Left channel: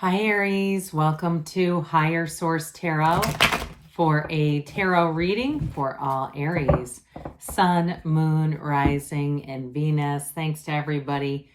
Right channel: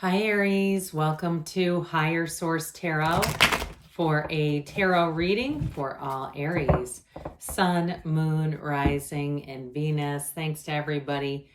Hi Aries, welcome to Higher Source Tarot for a tarot reading for all Aries, Sun, Moon, Rising, and Venus. Thanks to everybody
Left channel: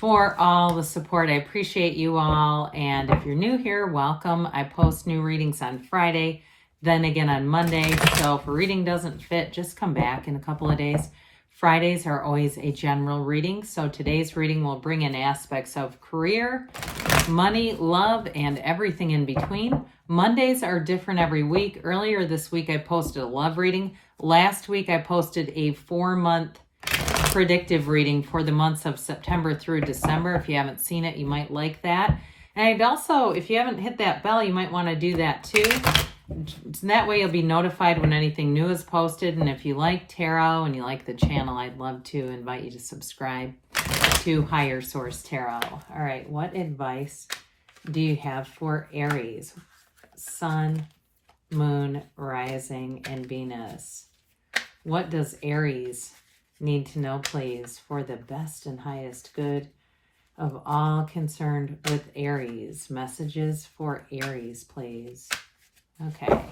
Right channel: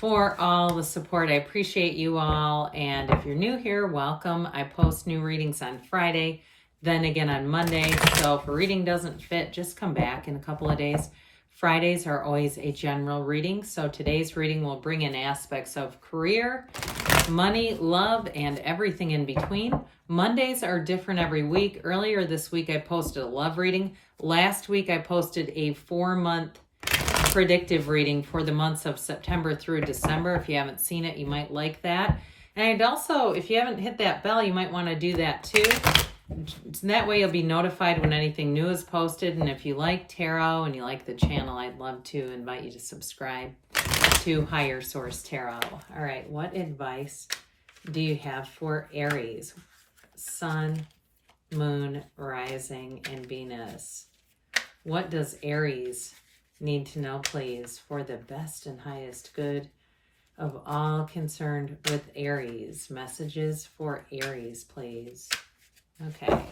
for all the support. I appreciate you all. And if you're new here, welcome. I post new readings on Friday, then again on Monday. So if a reading doesn't fit, just come back in a couple of days. Fridays are always a general reading. So today's reading will bring in aspects of career, money, love, and everything in between. Mondays are different every week. Earlier this week, I posted a love reading. Last week, I posted a 4-month predictive reading for the months of September through December. If you haven't seen it, you might like that. And I'd also, if you haven't hit that bell, you might want to do that too. That way you'll be notified when anything new is posted. And if you like tarot and you like the channel, I'd love to invite you to subscribe to Higher Source Tarot. All right, what advice do you have for Aries? Sun, Moon, Rising, and Venus. What does Aries need to know, please, for the best and highest good of all concerned with Aries? Messages for Aries, please. Okay. All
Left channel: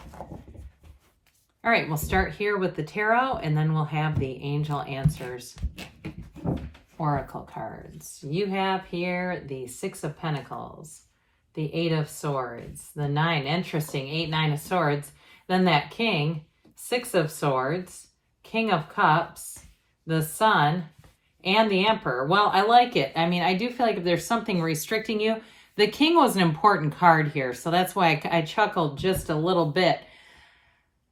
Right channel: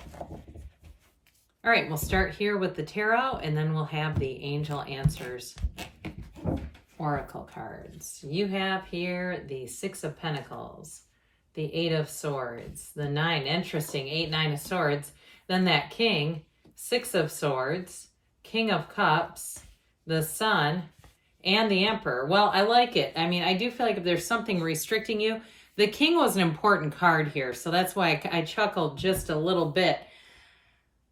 right, we'll start here with the tarot, and then we'll have the angel answers oracle cards. You have here the 6 of Pentacles, the 8 of Swords, the 9, interesting, 8, 9 of Swords, then that King, 6 of Swords, King of Cups, the Sun, and the Emperor. Well, I like it. I mean, I do feel like if there's something restricting you, the King was an important card here, so that's why I chuckled just a little bit.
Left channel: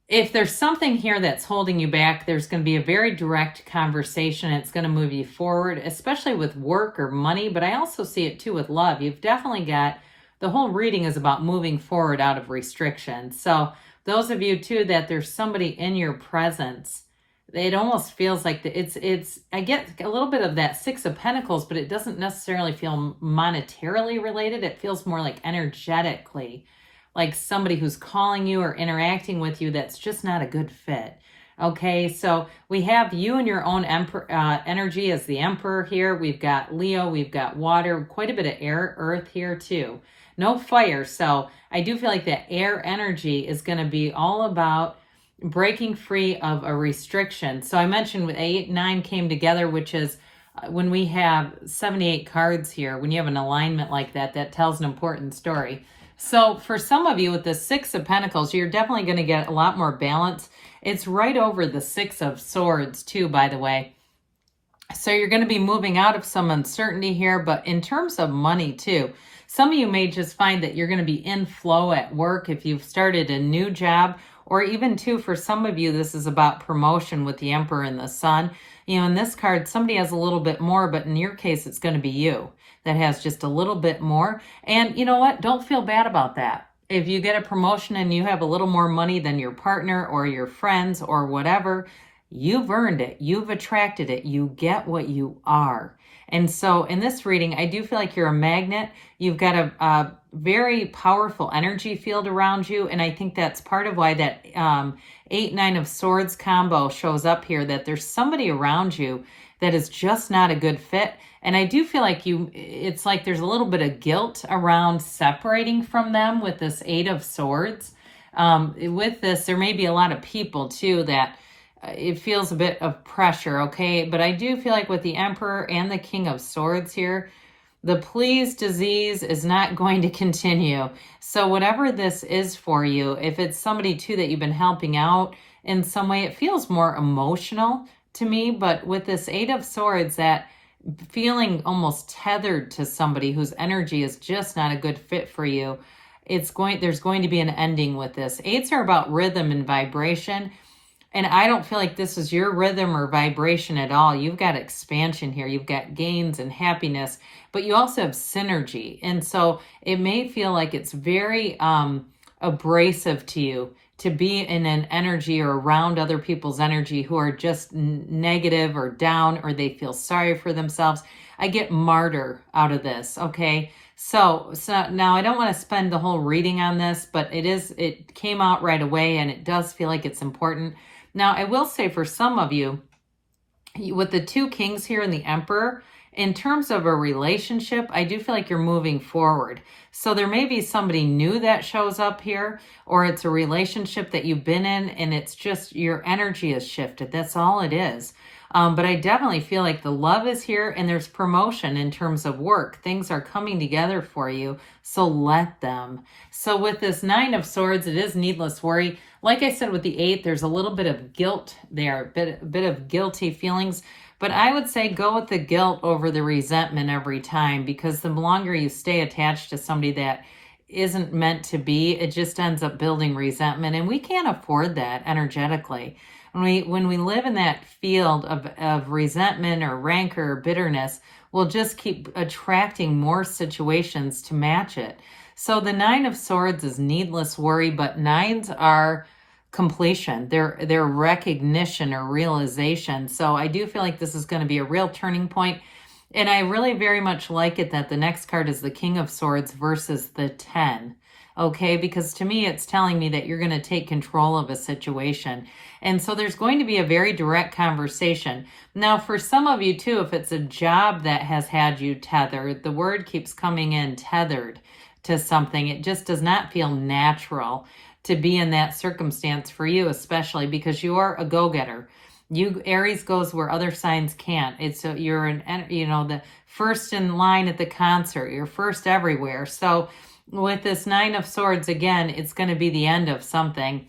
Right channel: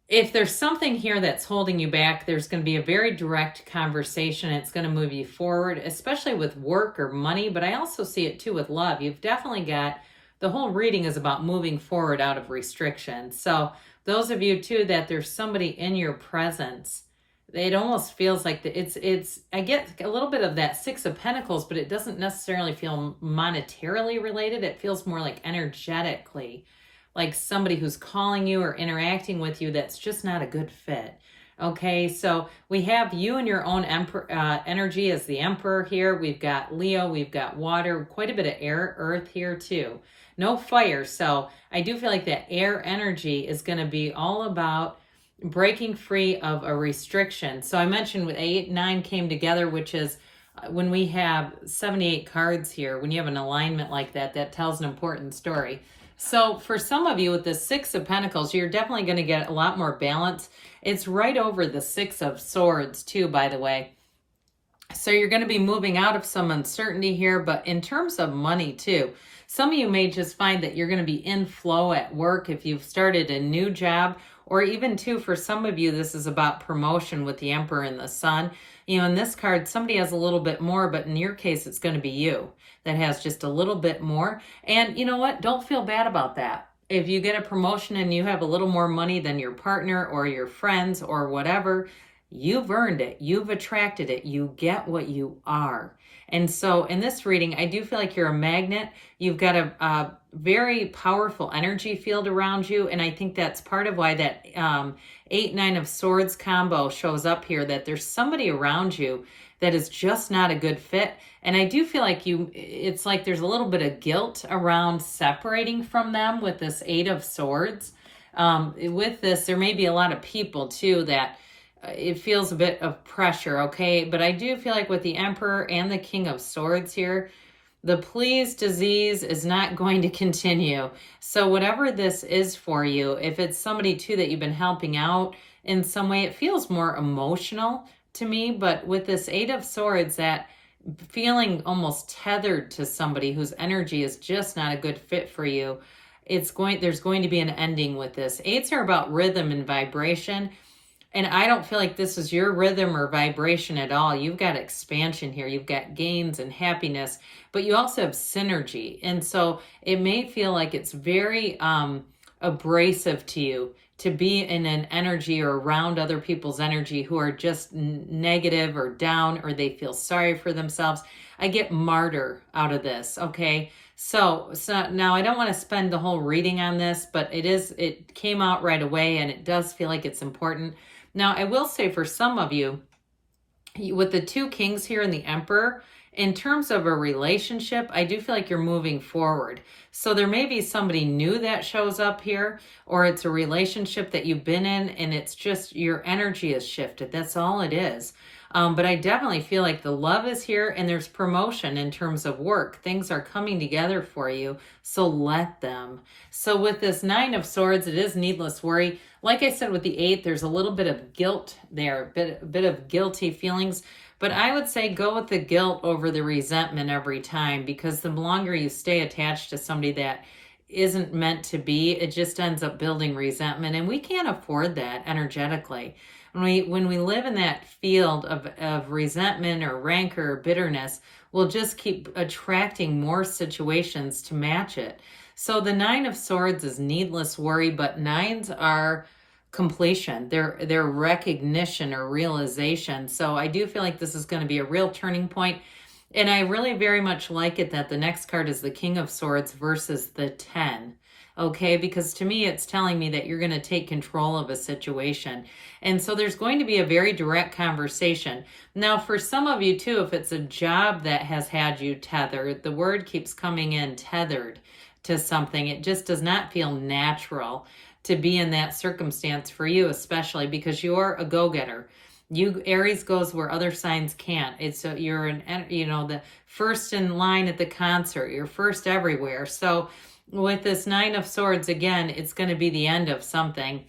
If there's something here that's holding you back, there's going to be a very direct conversation. It's going to move you forward, especially with work or money, but I also see it too with love. You've definitely got, the whole reading is about moving forward out of restriction. So those of you too, that there's somebody in your presence, it almost feels like I get a little bit of that 6 of Pentacles, but it doesn't necessarily feel monetarily related. It feels more like energetically, like somebody who's calling you or interacting with you that's just not a good fit. Okay, so we have you and your own energy as the Emperor here. We've got Leo, we've got water, quite a bit of air, earth here too. No fire, so I do feel like that air energy is going to be all about breaking free of a restriction. So I mentioned with 8, 9 came together, which is when we have 78 cards here, when you have an alignment like that, that tells an important story. So for some of you with the 6 of Pentacles, you're definitely going to get a lot more balance. It's right over the 6 of Swords too, by the way. So you're going to be moving out of some uncertainty here, but in terms of money too, some of you may just find that you're going to be in flow at work if you've started a new job, or even too, for some of you, this is about promotion with the Emperor and the Sun. You know, in this card, somebody has a little bit more, but in your case, it's going to be you that has just a little bit more. And you know what? Don't feel bad about that. If you get a promotion and you have a little more money than your partner or your friends or whatever, you've earned it. You've attracted it. You get what you are. And so in this reading, I do feel like you're a magnet. You've got a very powerful energy field around you. And I think that's part of why that 8, 9 of Swords combo shows up here, that there's somebody around you that is just not a good fit. And I do feel like it's like there's a little bit of guilt around separating from them with this 8 of Swords. With this, there may be a lot of people too that it feels a bit of pressure, okay? But I do feel like with the Emperor and the King of Swords here, the please disease is not going to continue. So whatever this is for you, if it's somebody too that you've been helping out in some way, it feels more emotional to me. But with this 8 of Swords, that feeling almost tethered to somebody whose energy is just not a good fit for you, there's going to be an ending with this. 8s are about rhythm and vibration. And I don't feel like this is your rhythm or vibration at all. You've got expansion here. You've got gains and happiness, but you also have synergy. And so it may feel like it's very abrasive to you to be in an energy or around other people's energy who are just negative or down, or they feel sorry for themselves. I get martyr out of this, okay? So now I don't want to spend the whole reading on this, but it came out right away and it does feel like it's important. Now, I will say for some of you, with the 2 kings here and the Emperor, In terms of a relationship, I do feel like you're moving forward. So there may be somebody new that shows up here, or it's a relationship that you've been in and it's just your energy has shifted. That's all it is. But I definitely feel like the love is here and there's promotion in terms of work. Things are coming together for you, so let them. So with this Nine of Swords, it is needless worry. Like I said with the 8, there's a little bit of guilt there, a bit of guilty feelings. But I would say go with the guilt over the resentment every time, because the longer you stay attached to somebody that isn't meant to be, it just ends up building resentment. And we can't afford that energetically. When we live in that field of resentment or rancor or bitterness, we'll just keep attracting more situations to match it. So the Nine of Swords is needless worry, but nines are completion, their recognition or realization. So I do feel like this is going to be a real turning point. And I really very much like it that the next card is the King of Swords versus the 10. Okay, because to me, it's telling me that you're going to take control of a situation. And so there's going to be a very direct conversation. Now, for some of you too, if it's a job that has had you tethered, the word keeps coming in, tethered to something. It just does not feel natural to be in that circumstance for you, especially because you are a go-getter. Aries goes where other signs can't. You're the first in line at the concert. You're first everywhere. So with this Nine of Swords, again, it's going to be the end of something.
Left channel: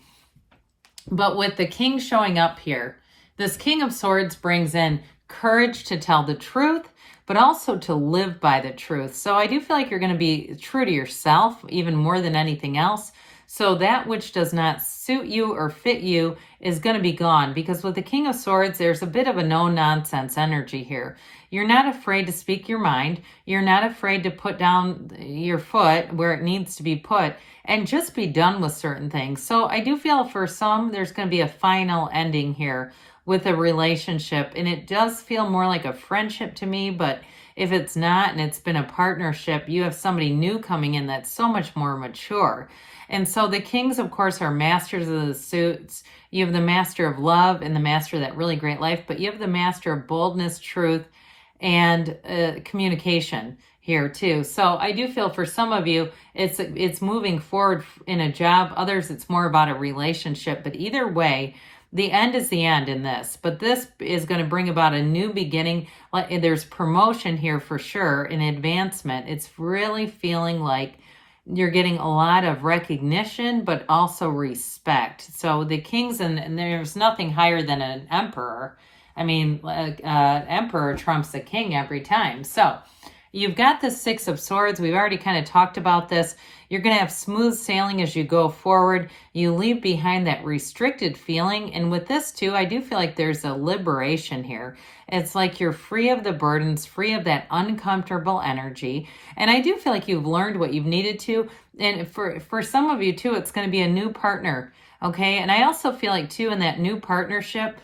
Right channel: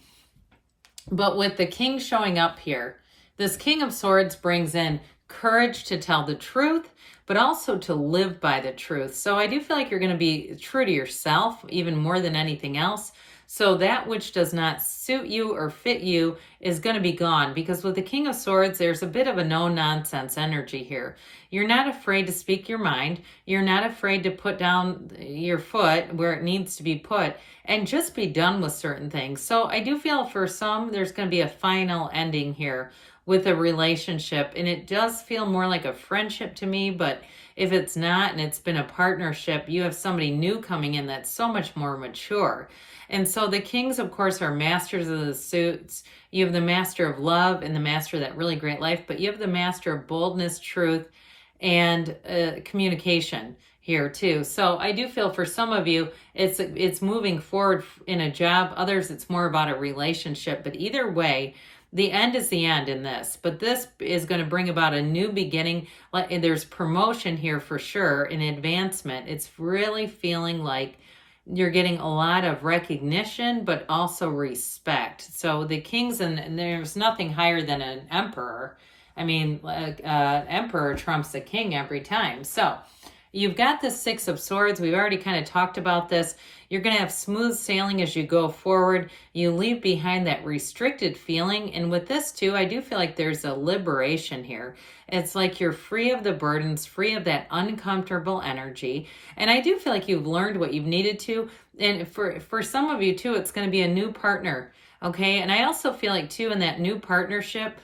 But with the King showing up here, this King of Swords brings in courage to tell the truth, but also to live by the truth. So I do feel like you're going to be true to yourself, even more than anything else. So that which does not suit you or fit you is going to be gone, because with the King of Swords, there's a bit of a no-nonsense energy here. You're not afraid to speak your mind. You're not afraid to put down your foot where it needs to be put and just be done with certain things. So I do feel for some, there's going to be a final ending here with a relationship. And it does feel more like a friendship to me, but if it's not and it's been a partnership, you have somebody new coming in that's so much more mature. And so the Kings, of course, are masters of the suits. You have the master of love and the master of that really great life, but you have the master of boldness, truth, and communication here too. So I do feel for some of you, it's moving forward in a job. Others, it's more about a relationship. But either way, the end is the end in this. But this is going to bring about a new beginning. There's promotion here for sure, an advancement. It's really feeling like you're getting a lot of recognition, but also respect. So the Kings, and there's nothing higher than an emperor. I mean, emperor trumps the king every time. So you've got the Six of Swords. We've already kind of talked about this. You're going to have smooth sailing as you go forward. You leave behind that restricted feeling. And with this too, I do feel like there's a liberation here. It's like you're free of the burdens, free of that uncomfortable energy. And I do feel like you've learned what you've needed to. And for some of you too, it's going to be a new partner. Okay. And I also feel like too, in that new partnership,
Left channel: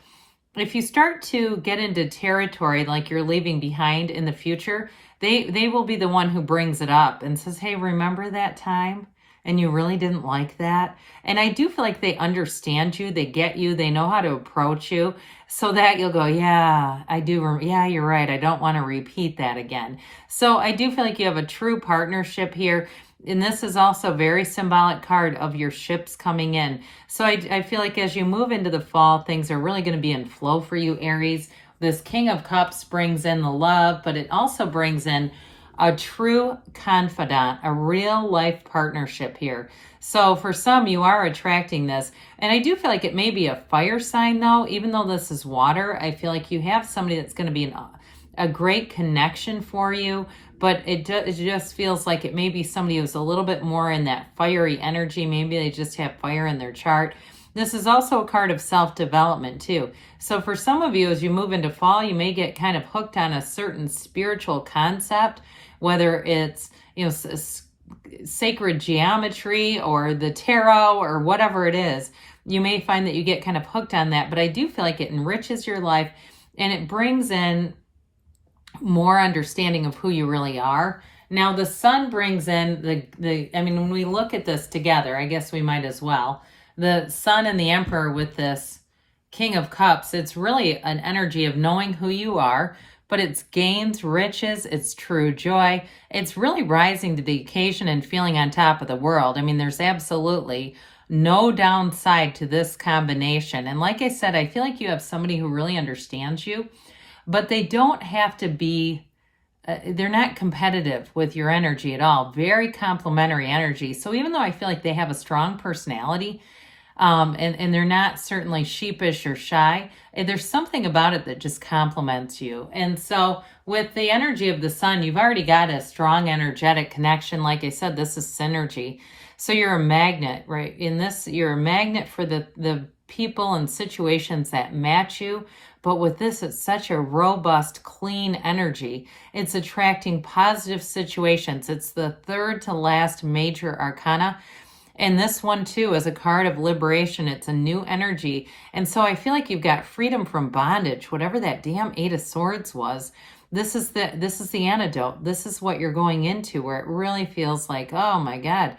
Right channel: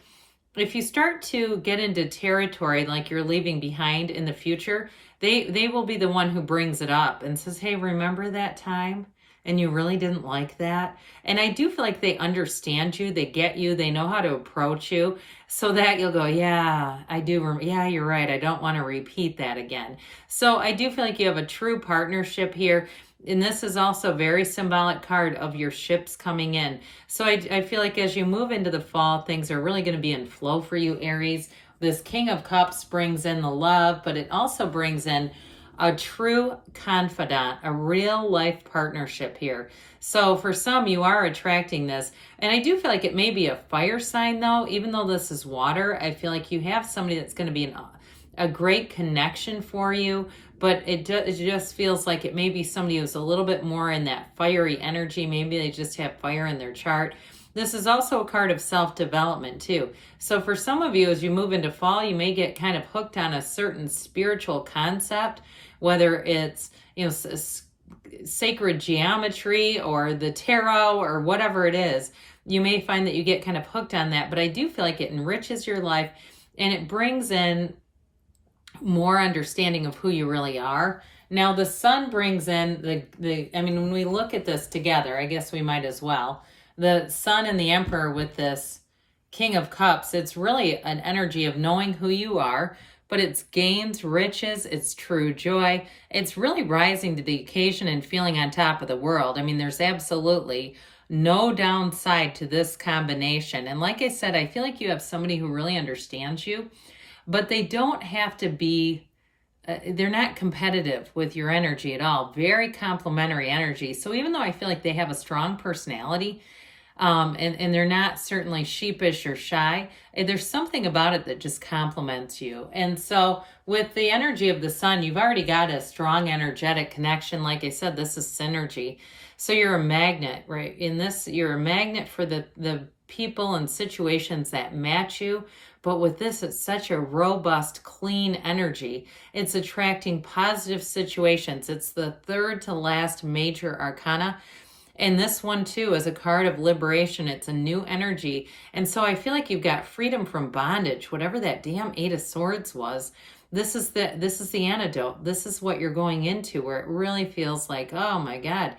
if you start to get into territory like you're leaving behind in the future, they will be the one who brings it up and says, hey, remember that time? And you really didn't like that? And I do feel like they understand you, they get you, they know how to approach you, so that you'll go, yeah, I do, yeah, you're right, I don't want to repeat that again. So I do feel like you have a true partnership here. And this is also a very symbolic card of your ships coming in. So I feel like as you move into the fall, things are really going to be in flow for you, Aries. This King of Cups brings in the love, but it also brings in a true confidant, a real life partnership here. So for some, you are attracting this. And I do feel like it may be a fire sign though, even though this is water. I feel like you have somebody that's going to be a great connection for you. But it just feels like it may be somebody who's a little bit more in that fiery energy. Maybe they just have fire in their chart. This is also a card of self-development too. So for some of you, as you move into fall, you may get kind of hooked on a certain spiritual concept, whether it's, sacred geometry or the tarot or whatever it is. You may find that you get kind of hooked on that, but I do feel like it enriches your life and it brings in more understanding of who you really are. Now the Sun brings in when we look at this together, I guess we might as well. The Sun and the Emperor with this King of Cups, it's really an energy of knowing who you are, but it's gains, riches, it's true joy. It's really rising to the occasion and feeling on top of the world. I mean, there's absolutely no downside to this combination. And like I said, I feel like you have somebody who really understands you, but they don't have to be, they're not competitive with your energy at all. Very complementary energy. So even though I feel like they have a strong personality, and they're not certainly sheepish or shy, there's something about it that just complements you. And so with the energy of the sun, you've already got a strong energetic connection. Like I said, this is synergy. So you're a magnet, right? In this, you're a magnet for the people and situations that match you. But with this, it's such a robust, clean energy. It's attracting positive situations. It's the third to last major arcana. And this one too is a card of liberation. It's a new energy. And so I feel like you've got freedom from bondage, whatever that damn Eight of Swords was. This is the antidote. This is what you're going into, where it really feels like, oh my God,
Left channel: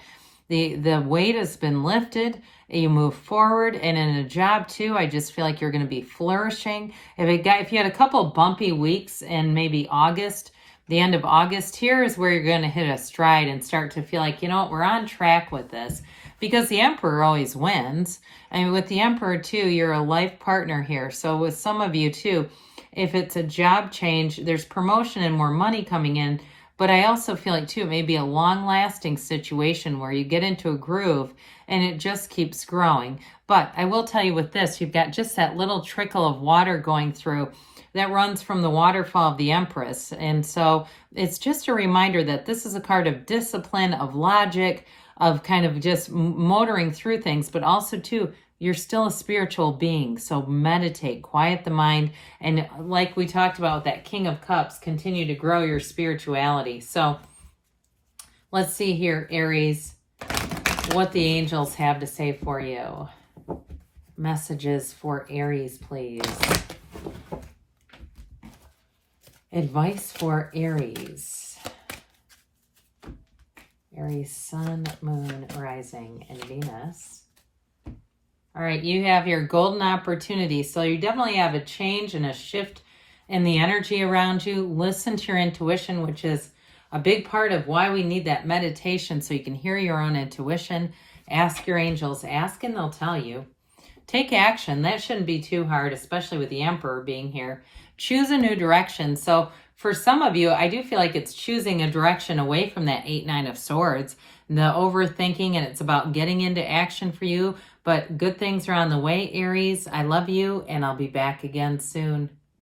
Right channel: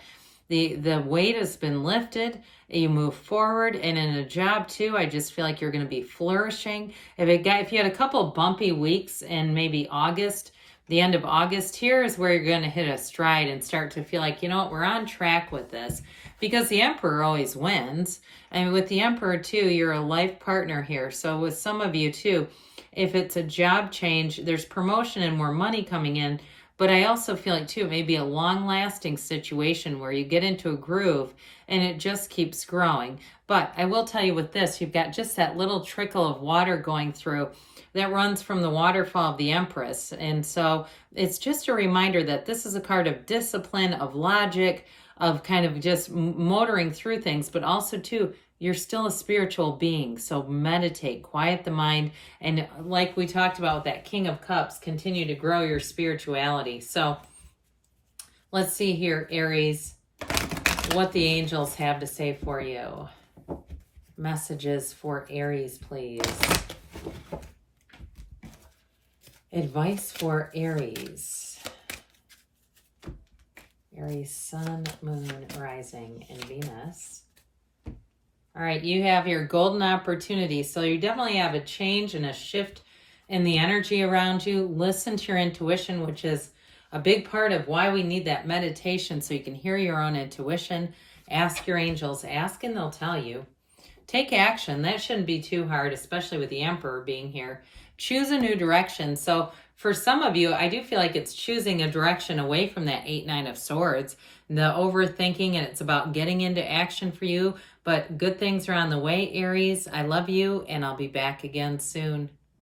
the weight has been lifted. You move forward, and in a job too, I just feel like you're going to be flourishing. If you had a couple bumpy weeks in maybe August, the end of August, here is where you're going to hit a stride and start to feel like, you know what, we're on track with this, because the Emperor always wins. I mean, with the Emperor too, you're a life partner here. So with some of you too, if it's a job change, there's promotion and more money coming in. But I also feel like too, it may be a long-lasting situation where you get into a groove and it just keeps growing. But I will tell you with this, you've got just that little trickle of water going through that runs from the waterfall of the Empress. And so it's just a reminder that this is a card of discipline, of logic, of kind of just motoring through things, but also too, you're still a spiritual being. So meditate, quiet the mind. And like we talked about with that King of Cups, continue to grow your spirituality. So let's see here, Aries, what the angels have to say for you. Messages for Aries, please. Advice for Aries. Aries, Sun, Moon, Rising, and Venus. All right, you have your golden opportunity. So you definitely have a change and a shift in the energy around you. Listen to your intuition, which is a big part of why we need that meditation, so you can hear your own intuition. Ask your angels. Ask and they'll tell you. Take action. That shouldn't be too hard, especially with the Emperor being here. Choose a new direction. So for some of you, I do feel like it's choosing a direction away from that 8-9 of Swords, the overthinking, and it's about getting into action for you. But good things are on the way, Aries. I love you, and I'll be back again soon.